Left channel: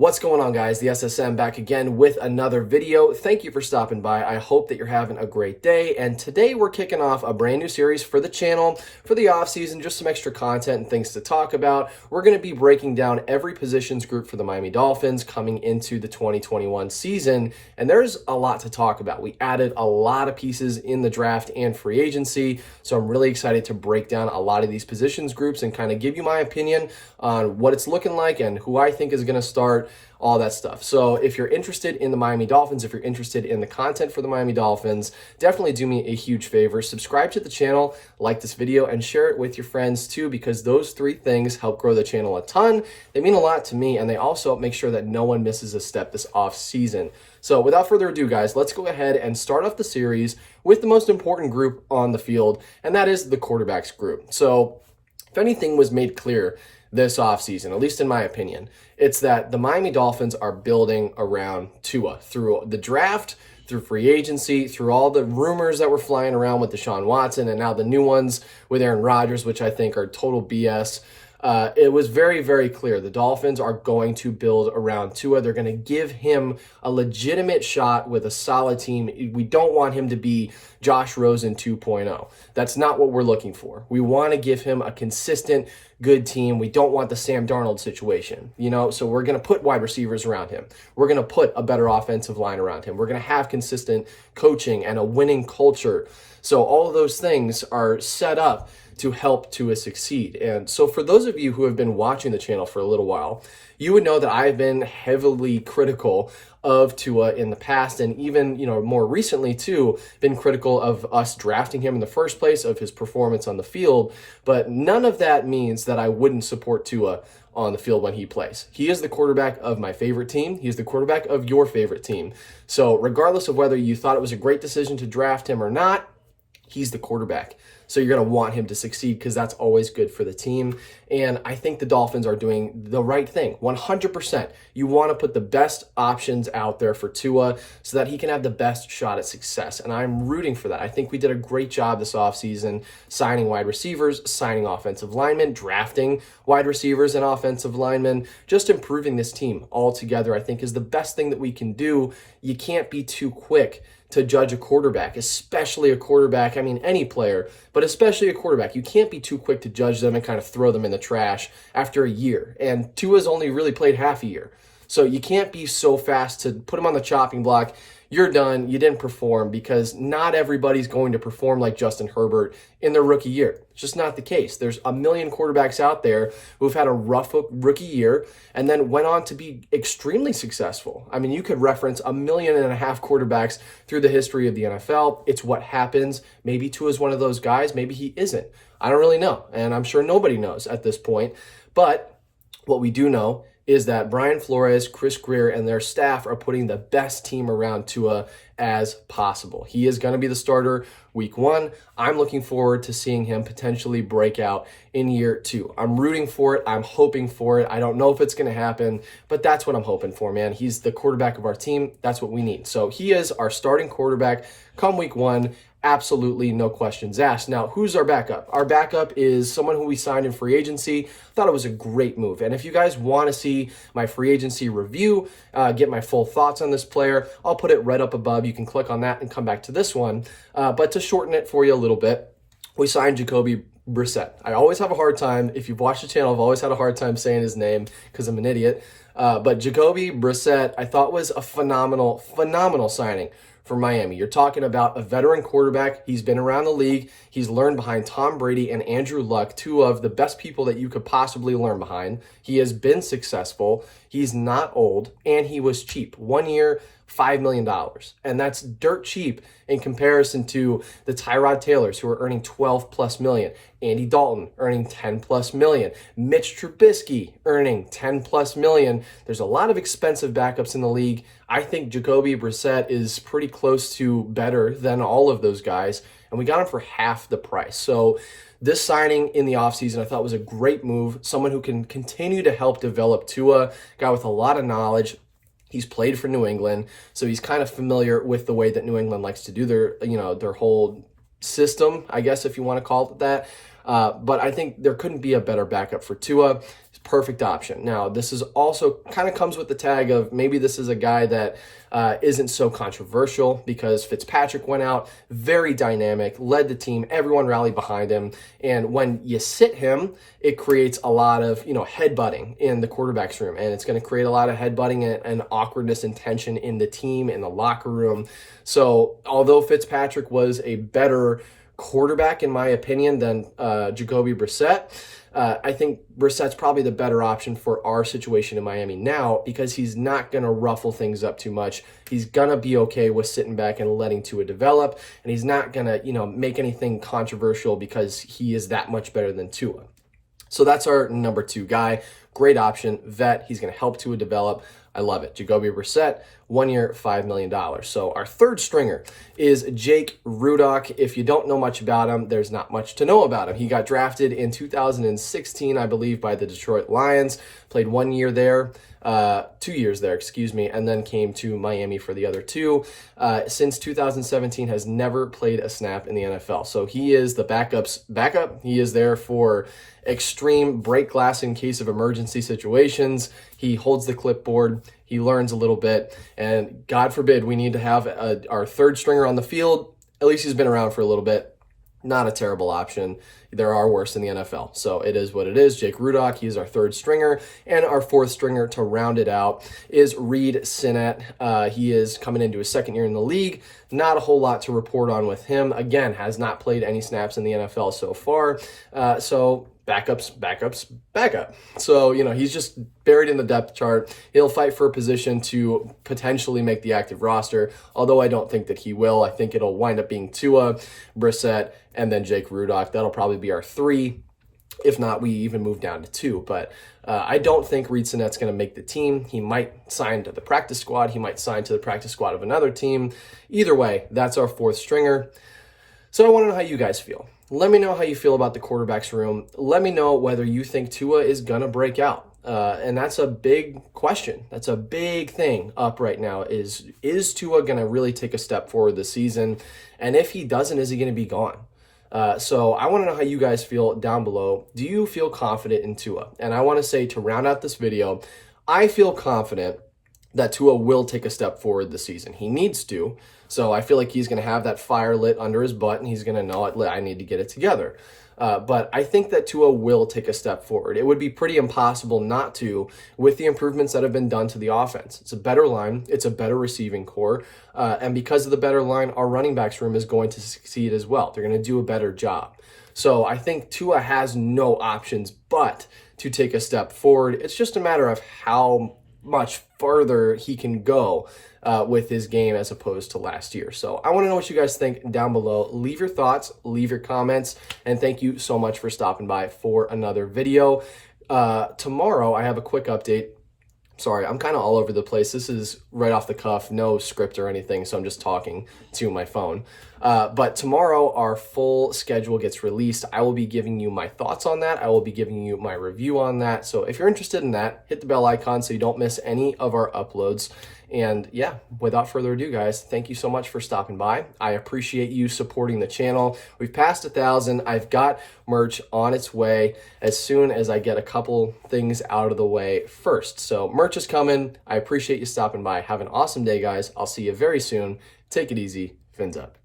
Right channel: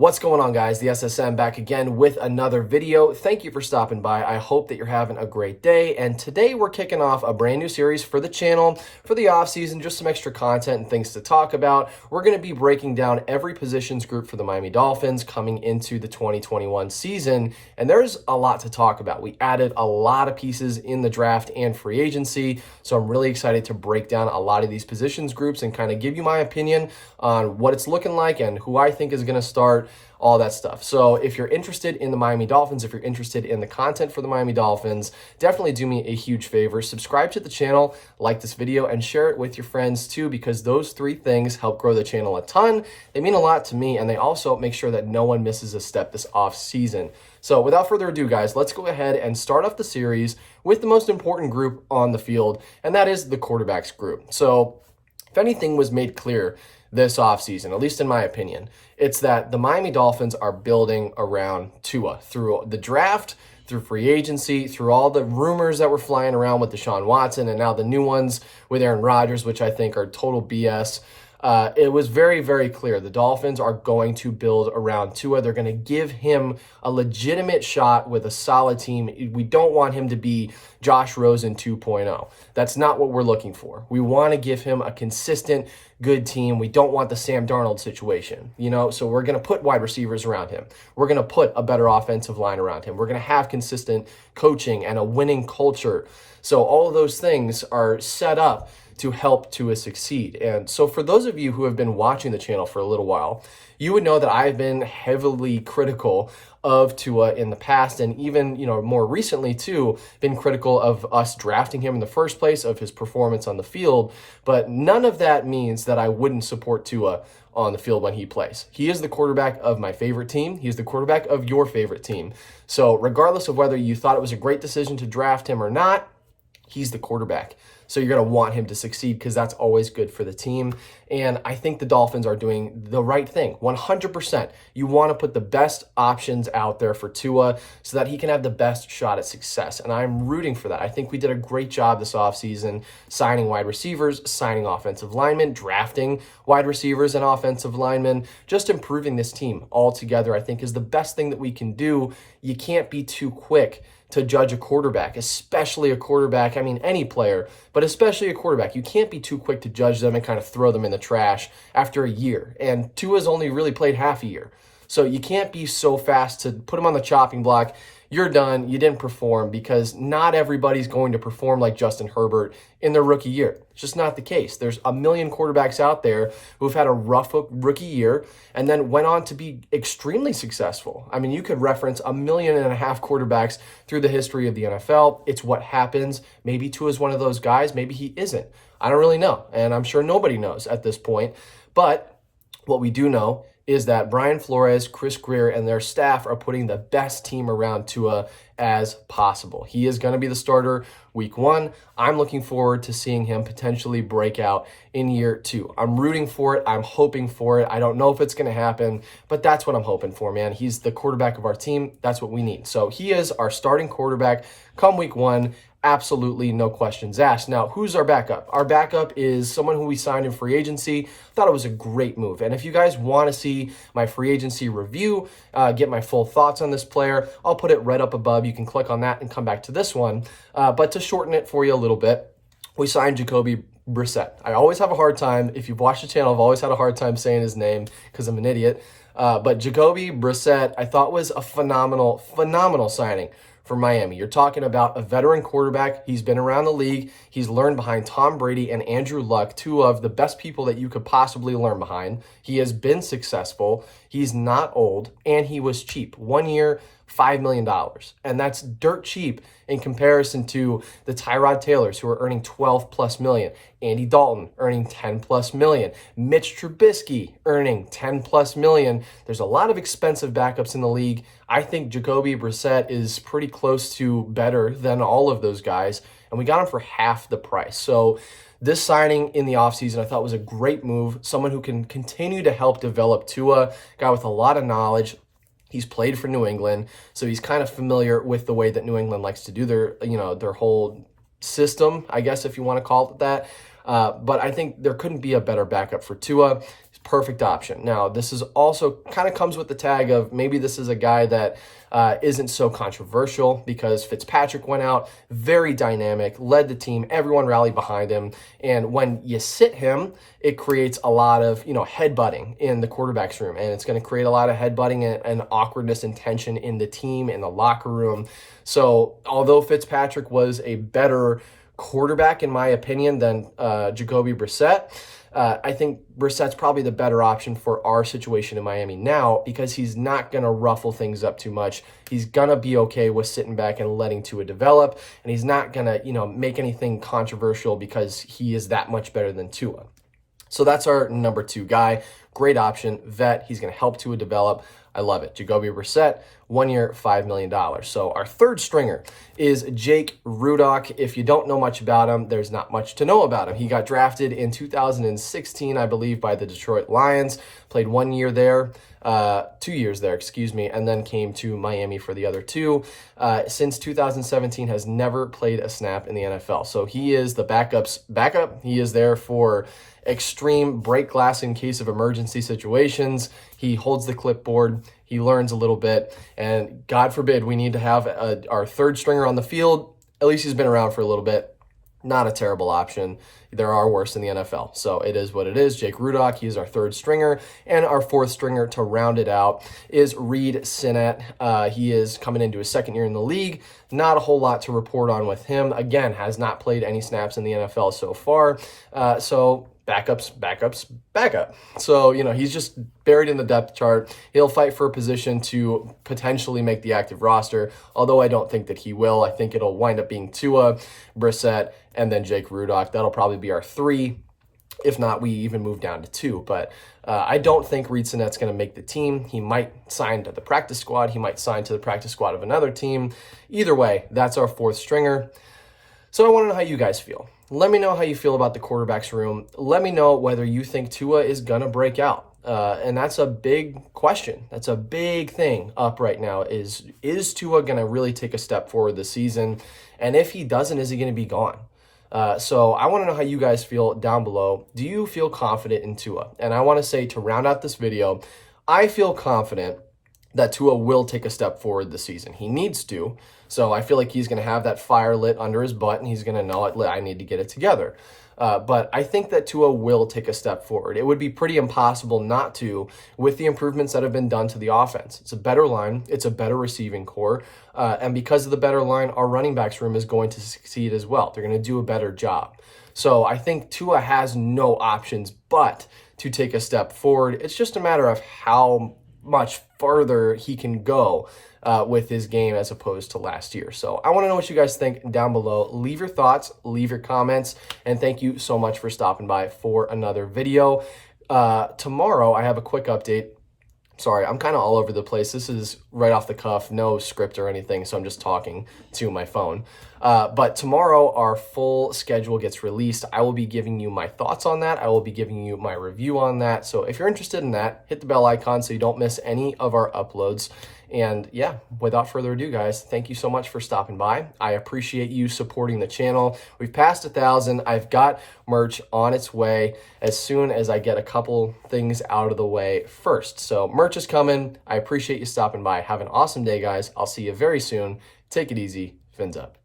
What's going on, guys? The SSM back again with another video. Thank you for stopping by. I hope that you're having a great day. And today we're kicking off a brand new series for the channel for the off season, just some extra content and things to talk about. We're going to be breaking down every positions group for the Miami Dolphins coming into the 2021 season. And there's a lot to talk about. We added a lot of pieces in the draft and free agency. So I'm really excited to break down a lot of these positions groups and kind of give you my opinion on what it's looking like and who I think is going to start, all that stuff. So if you're interested in the Miami Dolphins, if you're interested in the content for the Miami Dolphins, definitely do me a huge favor. Subscribe to the channel, like this video, and share it with your friends too, because those three things help grow the channel a ton. They mean a lot to me, and they also make sure that no one misses a step this off season. So without further ado, guys, let's go ahead and start off the series with the most important group on the field, and that is the quarterbacks group. So if anything was made clear this offseason, at least in my opinion, it's that the Miami Dolphins are building around Tua through the draft, through free agency, through all the rumors that were flying around with Deshaun Watson, and now the new ones with Aaron Rodgers, which I think are total BS. It was very, very clear. The Dolphins are going to build around Tua. They're going to give him a legitimate shot with a solid team. We don't want him to be Josh Rosen 2.0. That's not what we're looking for. We want to give him a consistent, good team. We don't want the Sam Darnold situation, so we're going to put wide receivers around him. We're going to put a better offensive line around him. We're going to have consistent coaching and a winning culture. So all of those things are set up to help Tua succeed. And so for those of you who have been watching the channel for a little while, you would know that I've been heavily critical of Tua in the past, and even, more recently too, been critical of us drafting him in the first place, of his performance on the field. But none of that means that I wouldn't support Tua on the field when he plays. He is the quarterback of my favorite team. He is the quarterback of your favorite team. So regardless of whether you thought it was a great decision to draft him or not, he's the quarterback. So you're going to want him to succeed because that's always good for the team. And I think the Dolphins are doing the right thing, 100%. You want to put the best options out there for Tua so that he can have the best shot at success. And I'm rooting for that. I think we did a great job this offseason signing wide receivers, signing offensive linemen, drafting wide receivers and offensive linemen. Just improving this team altogether, I think, is the best thing that we can do. You can't be too quick to judge a quarterback, especially a quarterback. I mean, any player, but especially a quarterback. You can't be too quick to judge them and kind of throw them in the trash after a year. And Tua's only really played half a year. So you can't be so fast to put him on the chopping block. You're done. You didn't perform, because not everybody's going to perform like Justin Herbert in their rookie year. It's just not the case. There's a million quarterbacks out there who've had a rough rookie year and then went on to be extremely successful. I mean, you could reference 1.5 million quarterbacks through the history of the NFL. It's what happens. Maybe Tua is one of those guys. Maybe he isn't. I don't really know. And I'm sure nobody knows at this point. But what we do know is that Brian Flores, Chris Greer, and their staff are putting the best team around Tua as possible. He is going to be the starter week 1. I'm looking forward to seeing him potentially break out in year 2. I'm rooting for it. I'm hoping for it. I don't know if it's going to happen, but that's what I'm hoping for, man. He's the quarterback of our team. That's what we need. So he is our starting quarterback come week 1. Absolutely no questions asked. Now, who's our backup? Our backup is someone who we signed in free agency. Thought it was a great move. And if you guys want to see my free agency review, get my full thoughts on this player, I'll put it right up above. You can click on that and come back to this one. But to shorten it for you a little bit, we signed Jacoby Brissett. I always have a hard time. If you've watched the channel, I've always had a hard time saying his name because I'm an idiot. But Jacoby Brissett, I thought, was a phenomenal signing for Miami. You're talking about a veteran quarterback. He's been around the league. He's learned behind Tom Brady and Andrew Luck, two of the best people that you could possibly learn behind. He has been successful. He's not old, and he was cheap. 1 year, $5 million. And that's dirt cheap in comparison to the Tyrod Taylors, who are earning 12 plus million. Andy Dalton earning 10 plus million. Mitch Trubisky earning 10 plus million. There's a lot of expensive backups in the league. I think Jacoby Brissett is pretty close to better than all of those guys, and we got him for half the price. So this signing in the offseason I thought was a great move. Someone who can continue to help develop Tua, guy with a lot of knowledge. He's played for New England, so he's kind of familiar with the way that New England likes to do their whole system, I guess, if you want to call it that. But I think there couldn't be a better backup for Tua. He's perfect option. Now, this is also kind of comes with the tag of maybe this is a guy that isn't so controversial because Fitzpatrick went out, very dynamic, led the team, everyone rallied behind him. And when you sit him, it creates a lot of, headbutting in the quarterback's room. And it's going to create a lot of headbutting and awkwardness and tension in the team, in the locker room. So although Fitzpatrick was a better quarterback, in my opinion, than Jacoby Brissett, I think Brissett's probably the better option for our situation in Miami now because he's not going to ruffle things up too much. He's going to be okay with sitting back and letting Tua develop, and he's not going to, make anything controversial because he is that much better than Tua. So that's our number 2 guy. Great option, vet. He's going to help Tua develop. I love it. Jacoby Brissett, 1 year, $5 million. So our third stringer is Jake Rudock. If you don't know much about him, there's not much to know about him. He got drafted in 2016, I believe, by the Detroit Lions, played 1 year there, 2 years there, and then came to Miami for the other 2. Since 2017, has never played a snap in the NFL. So he is the backup's backup. He is there for extreme break glass in case of emergency situations. He holds the clipboard. He learns a little bit, and God forbid we need to have our third stringer on the field. At least he's been around for a little bit. Not a terrible option. There are worse in the NFL, so it is what it is. Jake Rudock, he is our third stringer, and our fourth stringer to round it out is Reed Sinnett. He is coming into his second year in the league. Not a whole lot to report on with him. Again, has not played any snaps in the NFL so far, so backup. So, he's just buried in the depth chart. He'll fight for a position to potentially make the active roster, although I don't think that he will. I think it'll wind up being Tua, Brissett, and then Jake Rudock. That'll probably be our 3. If not, we even move down to 2. But I don't think Reed Sinnett's going to make the team. He might sign to the practice squad. He might sign to the practice squad of another team. Either way, that's our fourth stringer. So I want to know how you guys feel. Let me know how you feel about the quarterback's room. Let me know whether you think Tua is going to break out. And that's a big question. That's a big thing up right now is Tua going to really take a step forward this season? And if he doesn't, is he going to be gone? So I want to know how you guys feel down below. Do you feel confident in Tua? And I want to say, to round out this video, I feel confident that Tua will take a step forward this season. He needs to. So I feel like he's going to have that fire lit under his butt, and he's going to know it. I need to get it together. But I think that Tua will take a step forward. It would be pretty impossible not to with the improvements that have been done to the offense. It's a better line. It's a better receiving core. And because of the better line, our running backs room is going to succeed as well. They're going to do a better job. So I think Tua has no options but to take a step forward. It's just a matter of how much further he can go with his game as opposed to last year. So I want to know what you guys think down below. Leave your thoughts, leave your comments, and thank you so much for stopping by for another video. Tomorrow, I have a quick update. Sorry, I'm kind of all over the place. This is right off the cuff, no script or anything, so I'm just talking to my phone. But tomorrow, our full schedule gets released. I will be giving you my thoughts on that. I will be giving you my review on that. So if you're interested in that, hit the bell icon so you don't miss any of our uploads. And yeah, without further ado, guys, thank you so much for stopping by. I appreciate you supporting the channel. We've passed 1,000. I've got merch on its way as soon as I get a couple things out of the way first. So merch is coming. I appreciate you stopping by. Have an awesome day, guys. I'll see you very soon. Take it easy. Fins up.